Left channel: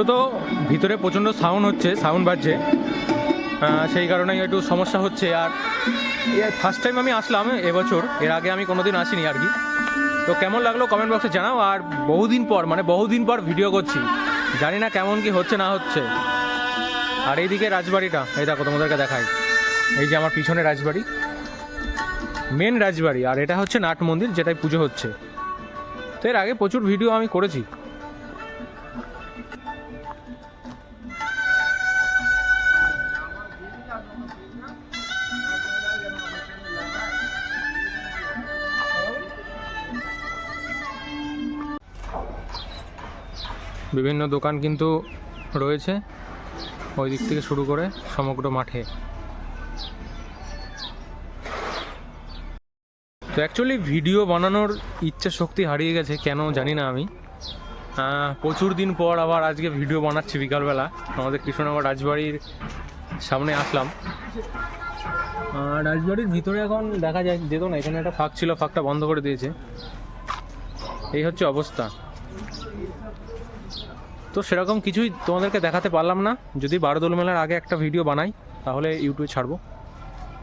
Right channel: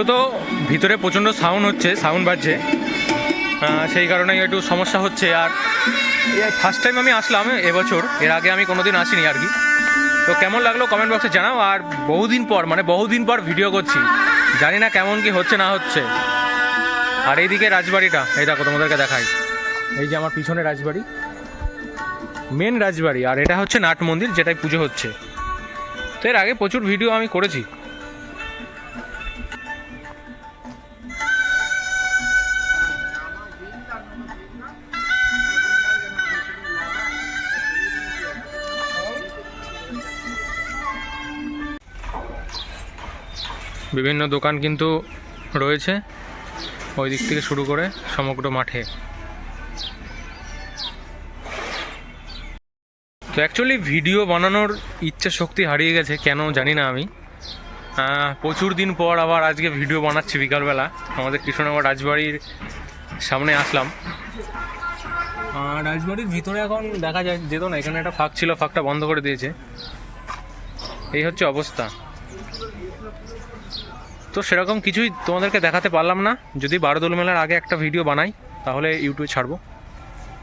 মূলত ভিতরে প্রচণ্ড সাউন্ড বাজছে, সেই কারণে একটু সমস্যা হচ্ছে। আর ফার্স্ট টাইম আমি আসলাম এবছর, এর আগে আমি কোনোদিন আসিনি আর কি। তো কেমন লাগলো কমেন্ট বক্সে জানাও। আর বহুদিন পর ভিডিও করছি, জানি না কেমন কি হচ্ছে না হচ্ছে। আর এইদিকে রাজবাড়িটা, এই দেখো তোমাদেরকে দেখাই, এই যে আমার পিছনে রাজবাড়ি, মেন রাজবাড়ি। আর এটা হচ্ছে নাট মন্দির, যেটাই পুজো হচ্ছে। তো এর আগে প্রচুর ভিডিও আমি করেছি। বিভিন্ন দোকান কিন্তু রয়েছে ওই দিক থেকে শুরু করে সমগ্র মাঠে। তো অ্যাকচুয়ালি ভিডিও বানানোর ইচ্ছা শক্তি হারিয়ে গেছে, কেন জানি না আমি। প্রচুর দিন পর আবার আজকে ভিডিও বানাচ্ছি বিকালবেলা। আমাদের কৃষ্ণনগর রাজবাড়ির সামনে আসলাম। রাজবাড়ির ভিতরে এখন দেখা যেত না, এখানে একটা ফাঁক ছিল, ফাঁকটা বন্ধ করে দিয়েছে। এই হচ্ছে অবস্থা। তো সেরকম কিছুই তোমাদেরকে দেখাতে পারলাম না। যদি বারোদোল মেলার আগে একটা ভিডিও বানাই তাহলে ইউটিউবে ছাড়বো।